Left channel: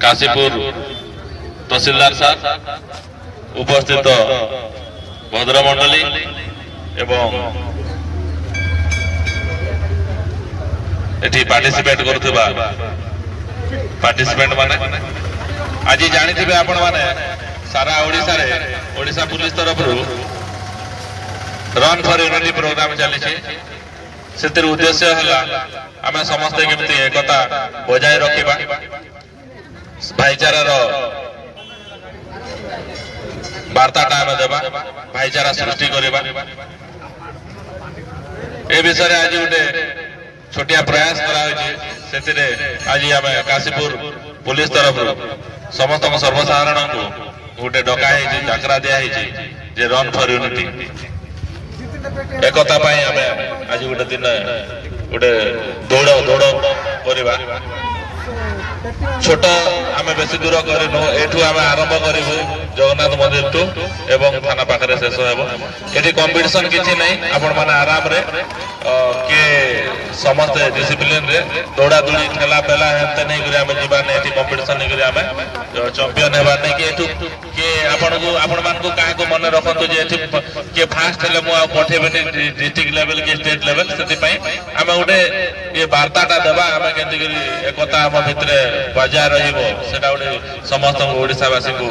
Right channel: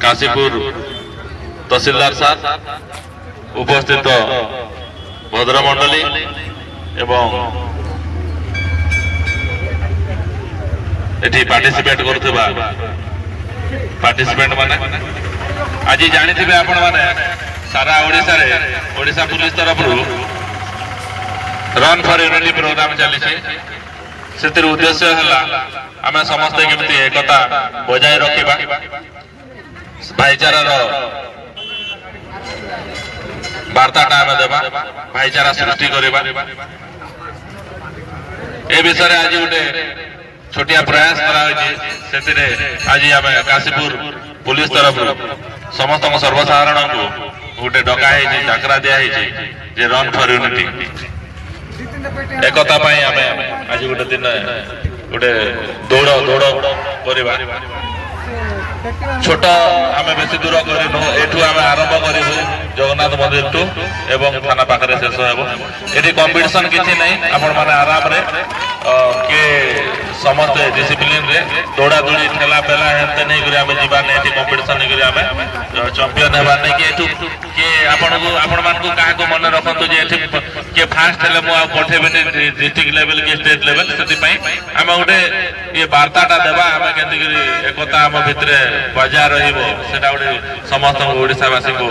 काशीपुर तहसीलदार साहब उपस्थित भद्रमंडली एवं एटी पार्टिसिपेट करुवा पार्टिसिपेंट माने आज जानी आपण माने सारा ओडिशा पुलिस तरफ रन फॉर यूनिटी प्रोग्राम चली से उद्देश्य है आम समस्ते केमती एकता बजाय रखा भाईचारार वार्ताटा आम देवा भाईचारा सृष्टि करवा ए विषय आज गोटे छोटिया प्रयास करा आज आम काशीपुर पुलिस तरफ समस्त सर्वसाधारण को गोटे डकाई डाकरा दिखाई जे रन फॉर यूनिटी एकता आम आज गोटे दिन गोटे दौड़ दौड़ करवा छोट आम बेसी दूर करूँ आम आरंभ करूँ जगन्नाथ मंदिर टू एवं थाना पाखे शेष ये कंपिटिशन किसी ना आपण मैंने आराम रे किए समस्त डिसिप्लिन रे दौड़ा दौड़ी ठेला पेला हेल्थ नहीं जावार नहीं कंपिटिशन नहीं चंपियन होबार नहीं किए आपण मान क्या मन रखु किए फास्ट है मुझे पठेबी डिस्ट्रिक्ट लेवल कि स्टेट लेवल से आम गोटे ये वार्ताटा देवा आम के एकता आम भितर बजाय रहा गोटे समस्त ओडावासी को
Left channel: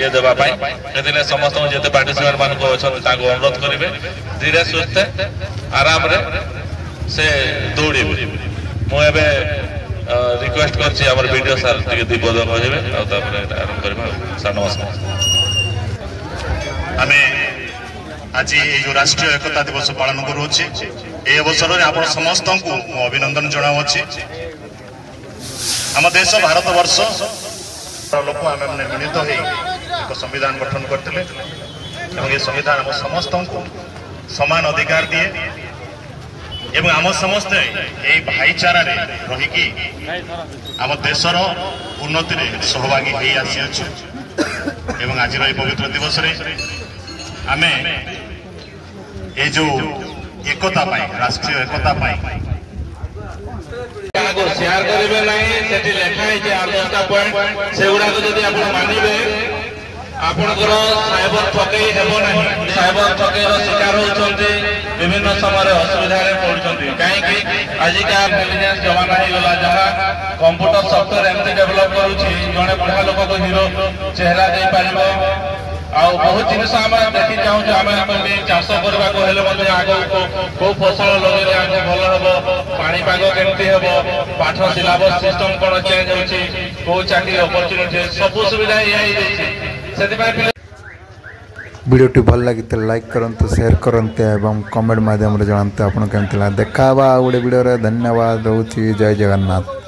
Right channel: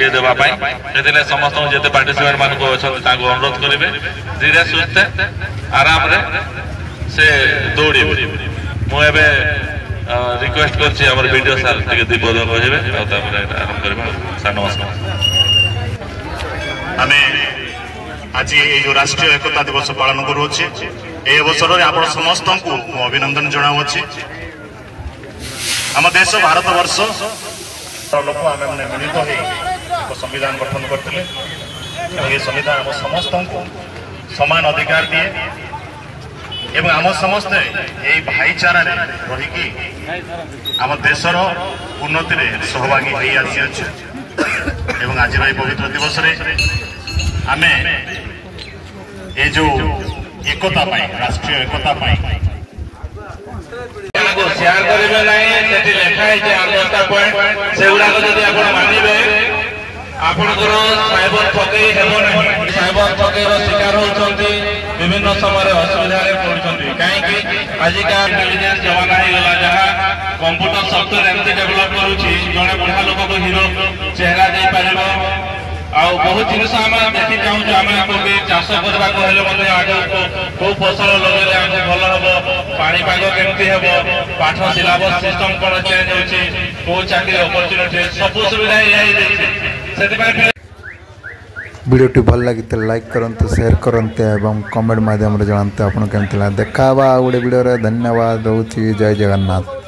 ये देवाई से समस्त जिते पार्टिसिपेंट मान अनुरोध करेंगे धीरे सुस्थे आराम रे से दौड़ मुझे रिक्वेस्ट कर वीडियो सार दीपद कहे आरंभ करवा सार नमस्कार। आम आज ये जो राष्ट्रीय एकता दिवस पालन करुचे ये अवसर में आप समस्त को अभिनंदन जनावुचे। आम देश भारत वर्ष लोक आम मिलित हो संविधान गठन करते ये संविधान आम समस्त को समान अधिकार दिए एवं आम समस्ते यही भाईचारा रहीकि आम देशर उन्नति में सहभागी हो आसी एवं आज पवित्र दिवस आम ये जो एकता राष्ट्रीय एकता शेयर करेंगे ना लिखाई 10टा पॉइंट से गुड़ाक जब आप मानवे आपणकर साइबर ठकई हेब ना साइबर ठकईर शिकार होती विभिन्न समय असुविधा पड़ुंट कहीं आजिका इंटेलिजेंस जमाना हो गला जहाँ कंप्यूटर सफ्टवेयर एमती डेभलप करुच्ची जड़े बुढ़ा लोक को हीरो चेहरा दे पार बहुत जिन आम देखी चाहूँ आम चाष करने आग कौ फसल लगे आगे भल हम पापाग केमती हम पाठ सिलेबस सिस्टम कौन चेंज होती कौ चाकरी अपरच्युनिटी सब सुविधा से वीडियोटी भल लगी लाइक करंतु शेयर करंतु एवं कमेंट माध्यम जानते आपन केमती देखा गोटे वीडियो धन्यवाद रोची जय जगन्नाथ।